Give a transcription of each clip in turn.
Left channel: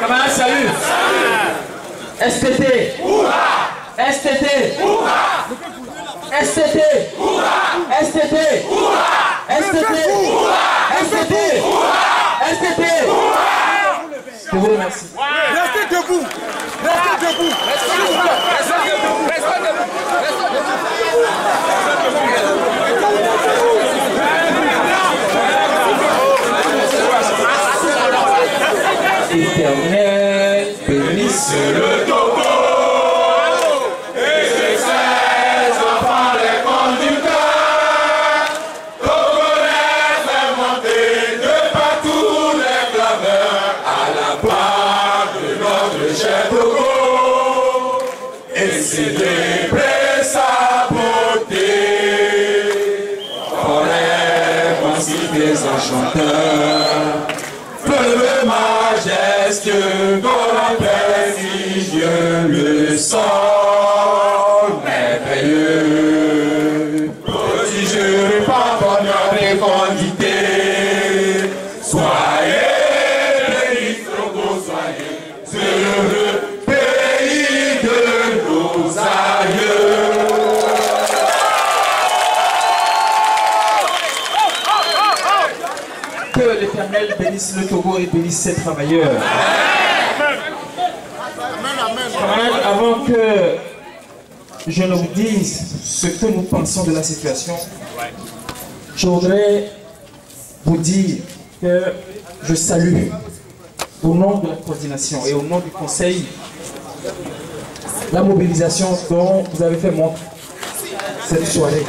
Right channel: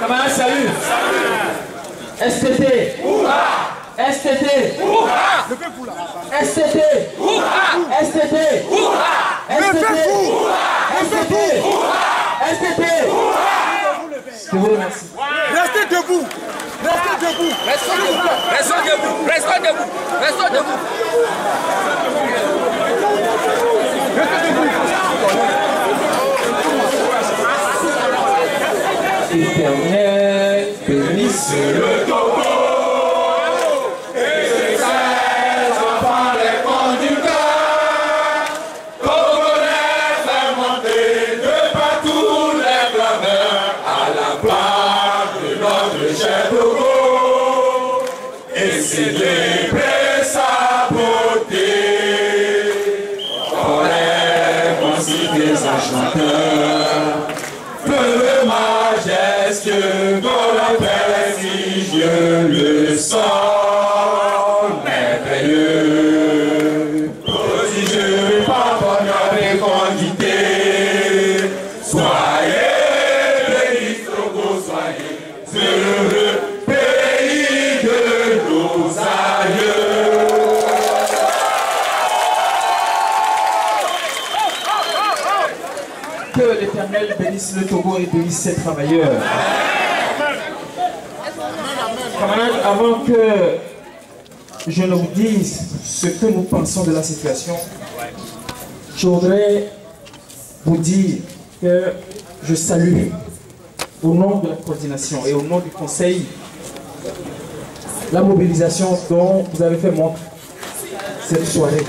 Camarades, salut. STT. STT. STT. STT. STT. STT. STT. Je vous remercie. Restez debout. Restez debout. Restons debout. Restons debout. Restons debout. Restons debout. Éternel, bénisse le Togo et ses 16 enfants les conducteurs. Togolais fait monter de partout les clameurs à la part de notre cher Togo et célébrer sa beauté. Forêt, ainsi des enchanteurs. Peu majestueux, grand prestigieux, le sang merveilleux. Prodigieux, pardonneur et fécondité. Soyez bénis, Togo, soyez heureux, pays de nos aïeux. Que l'Éternel bénisse le Togo et bénisse ses travailleurs. Camarades, avant que je ne vous dise ce que nous pensons de la situation, je voudrais vous dire que je salue au nom de la coordination et au nom du Conseil la mobilisation dont vous avez fait montre cette soirée.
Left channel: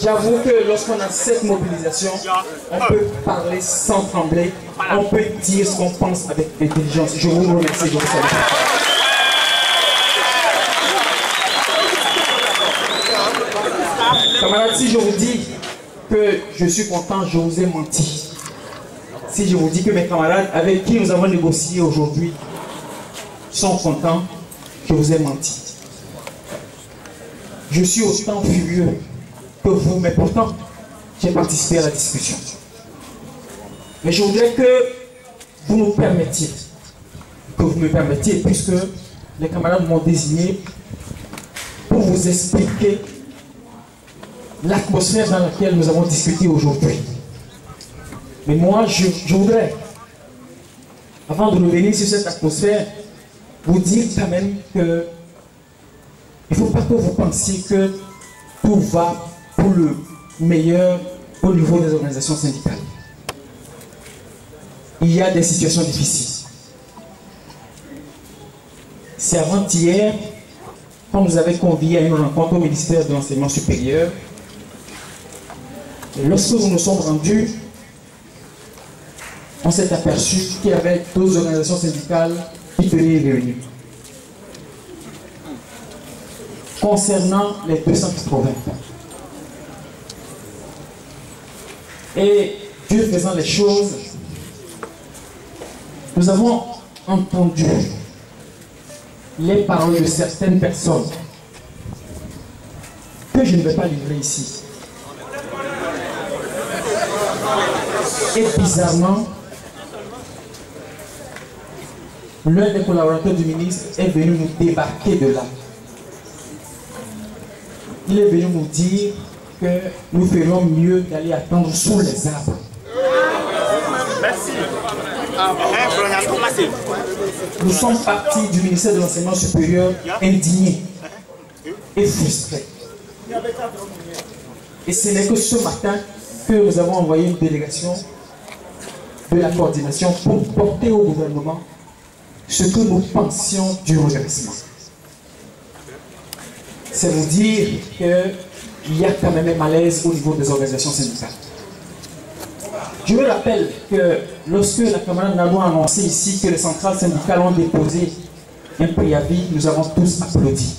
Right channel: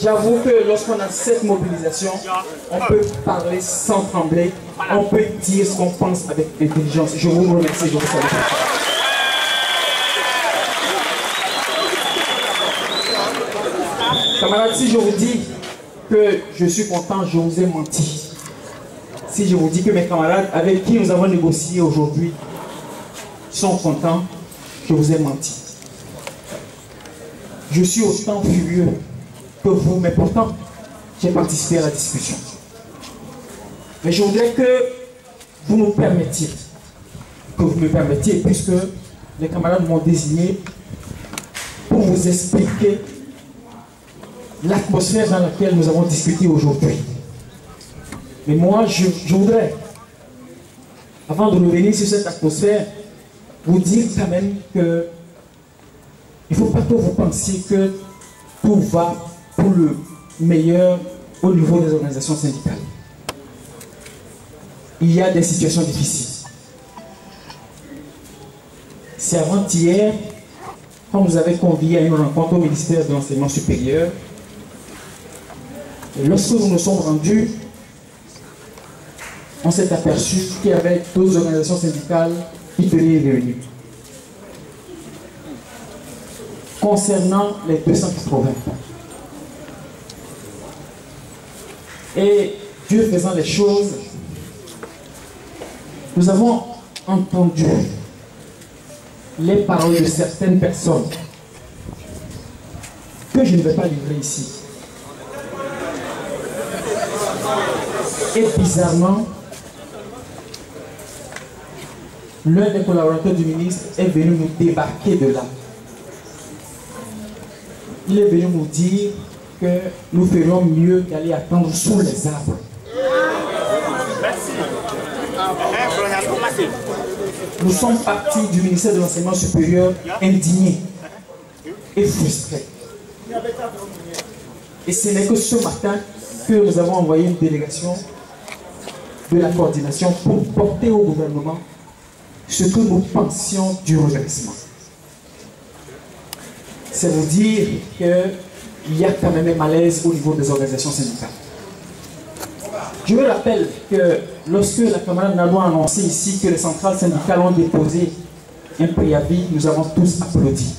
J'avoue que lorsqu'on a cette mobilisation, on peut parler sans trembler, on peut dire ce qu'on pense avec intelligence. Je vous remercie, je vous salue. Camarades, si je vous dis que je suis content, je vous ai menti. Si je vous dis que mes camarades avec qui nous avons négocié aujourd'hui sont contents, je vous ai menti. Je suis autant furieux que vous, mais pourtant, j'ai participé à la discussion. Mais je voudrais que vous me permettiez, puisque les camarades m'ont désigné pour vous expliquer l'atmosphère dans laquelle nous avons discuté aujourd'hui. Mais moi, je voudrais, avant de revenir sur cette atmosphère, vous dire quand même que il ne faut pas que vous pensiez que tout va pour le meilleur au niveau des organisations syndicales. Il y a des situations difficiles. C'est avant-hier, quand nous avons convié à une rencontre au ministère de l'Enseignement supérieur, et lorsque nous nous sommes rendus, on s'est aperçu qu'il y avait d'autres organisations syndicales qui tenaient les réunions. Concernant les 280. Et Dieu faisant les choses, nous avons entendu les paroles de certaines personnes que je ne vais pas livrer ici. Et bizarrement, l'un des collaborateurs du ministre est venu nous débarquer de là. Il est venu nous dire que nous ferions mieux d'aller attendre sous les arbres. Merci. Nous sommes partis du ministère de l'Enseignement supérieur indignés et frustrés. Et ce n'est que ce matin que nous avons envoyé une délégation de la coordination pour porter au gouvernement ce que nous pensions du redressement. C'est vous dire qu'il y a quand même un malaise au niveau des organisations syndicales. Je me rappelle que lorsque la camarade Nado a annoncé ici que les centrales syndicales ont déposé un préavis, nous avons tous applaudi.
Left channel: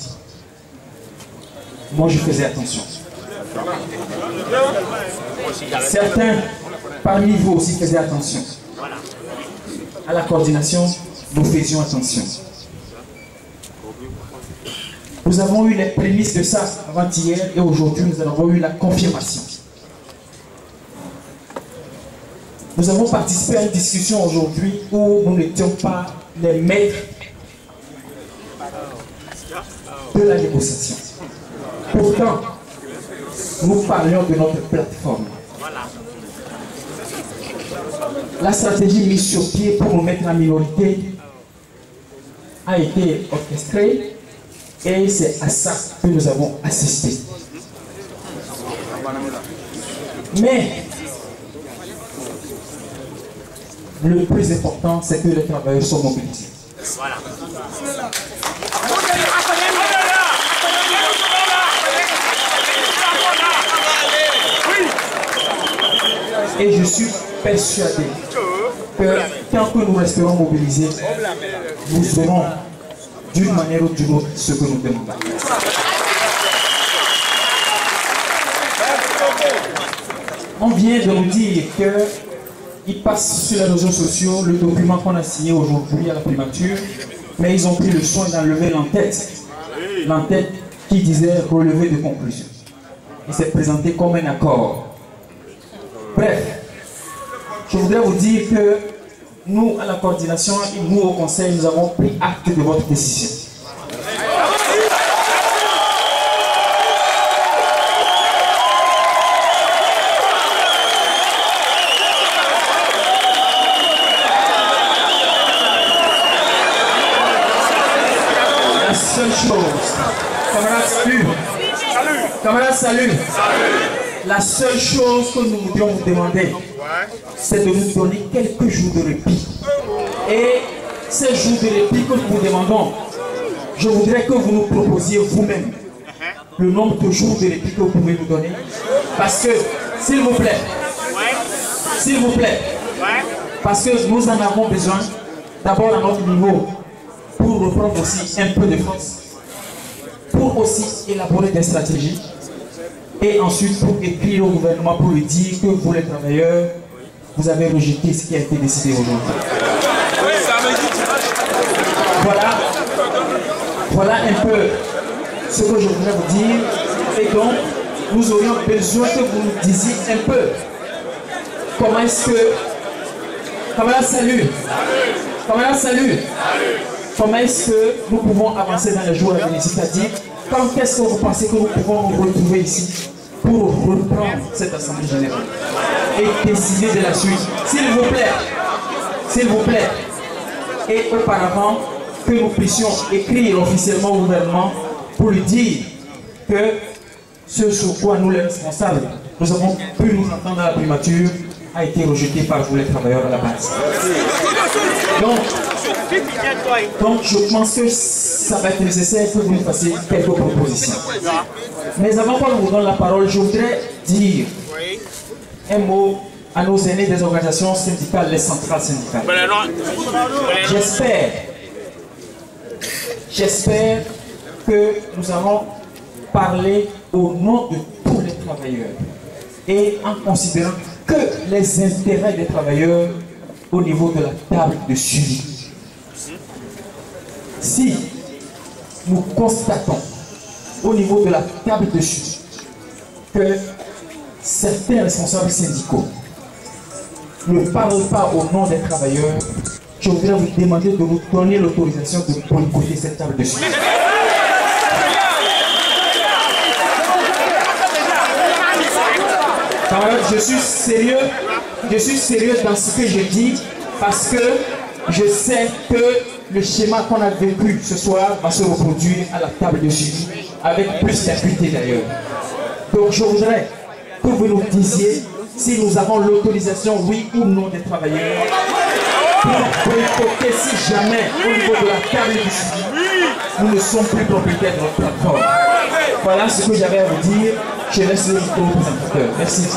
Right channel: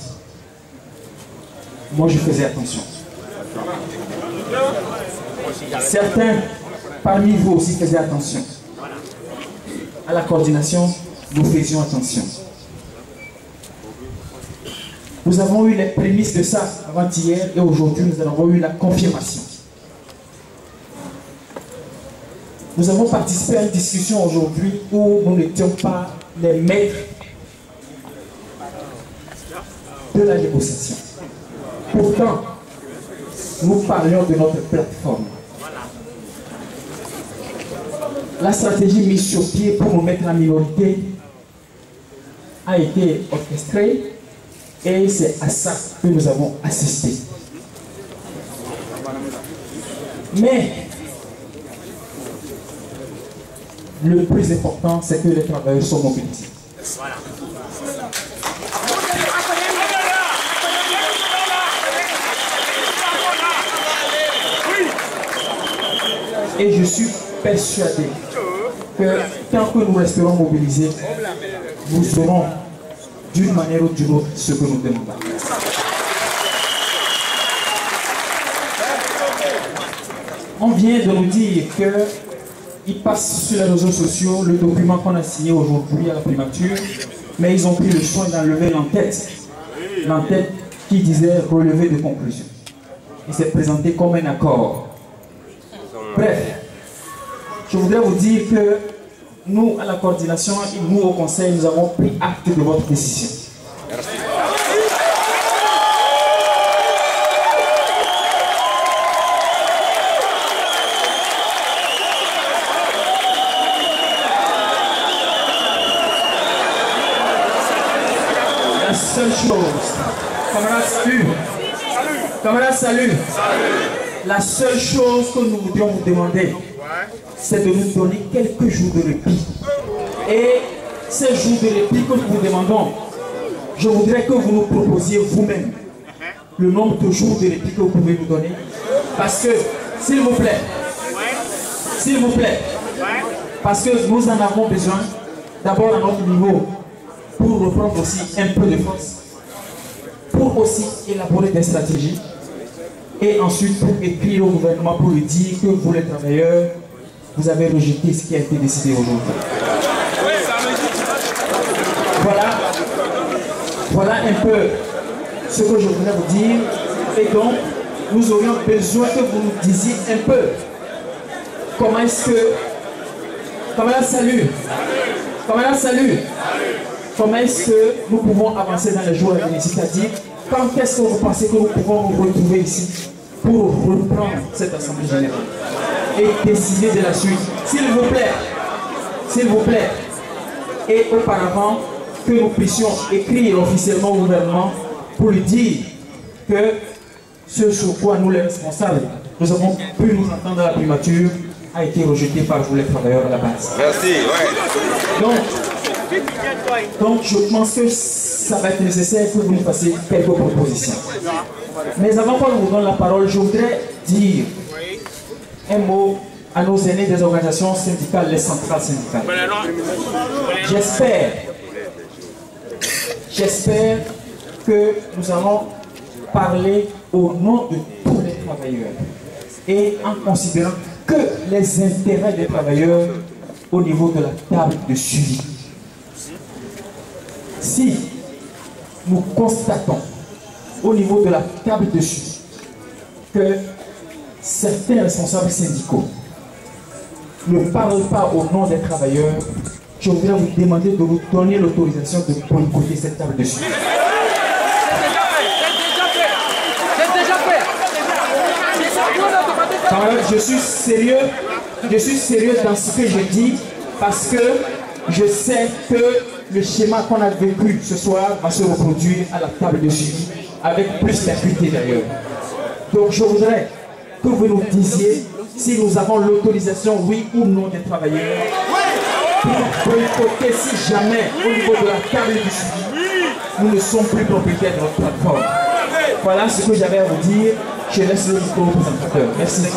Moi, je faisais attention. Certains parmi vous aussi faisaient attention. À la coordination, nous faisions attention. Nous avons eu les prémices de ça avant-hier et aujourd'hui nous avons eu la confirmation. Nous avons participé à une discussion aujourd'hui où nous n'étions pas les maîtres de la négociation. Pourtant, nous parlions de notre plateforme. La stratégie mise sur pied pour nous mettre en minorité a été orchestrée et c'est à ça que nous avons assisté. Mais le plus important, c'est que les travailleurs sont mobilisés. Voilà. Et je suis persuadé que tant que nous resterons mobilisés, nous aurons d'une manière ou d'une autre ce que nous demandons. On vient de nous dire qu'ils passent sur les réseaux sociaux le document qu'on a signé aujourd'hui à la primature, mais ils ont pris le soin d'enlever l'entête qui disait relevé de conclusion. Il s'est présenté comme un accord. Bref, je voudrais vous dire que nous, à la coordination et nous au conseil, nous avons pris acte de votre décision. La seule chose, camarades, salut. Camarades, salut. La seule chose que nous voudrions vous demander, c'est de nous donner quelques jours de répit. Et ces jours de répit que nous vous demandons, je voudrais que vous nous proposiez vous-même le nombre de jours de répit que vous pouvez nous donner. Parce que, s'il vous plaît, parce que nous en avons besoin, d'abord à notre niveau, pour reprendre aussi un peu de force, pour aussi élaborer des stratégies, et ensuite pour écrire au gouvernement pour lui dire que vous les travailleurs, vous avez rejeté ce qui a été décidé aujourd'hui. Voilà un peu ce que je voulais vous dire. Et donc, nous aurions besoin que vous nous disiez un peu comment est-ce que... Comment est-ce que nous pouvons avancer dans les jours à venir? C'est-à-dire, quand est-ce que vous pensez que nous pouvons nous retrouver ici pour reprendre cette assemblée générale et décider de la suite? S'il vous plaît, et auparavant que nous puissions écrire officiellement au gouvernement pour lui dire que ce sur quoi nous les responsables, nous avons pu nous entendre à la primature, a été rejeté par vous les travailleurs à la base. Merci. Donc je pense que ça va être nécessaire que vous nous fassiez quelques propositions. Mais avant qu'on vous donne la parole, je voudrais dire un mot à nos aînés des organisations syndicales, les centrales syndicales. J'espère que nous allons parler au nom de tous les travailleurs et en considérant que les intérêts des travailleurs au niveau de la table de suivi. Si nous constatons au niveau de la table de suivi que certains responsables syndicaux ne parlent pas au nom des travailleurs, je voudrais vous demander de vous donner l'autorisation de boycotter cette table de suivi. Je suis sérieux dans ce que je dis parce que je sais que le schéma qu'on a vécu ce soir va se reproduire à la table de suivi avec plus d'acuité d'ailleurs. Donc je voudrais que vous nous disiez si nous avons l'autorisation, oui ou non, des travailleurs pour boycotter si jamais au niveau de la table du suivi, nous ne sommes plus propriétaires de notre plateforme. Voilà ce que j'avais à vous dire. Je laisse le micro au présentateur. Merci.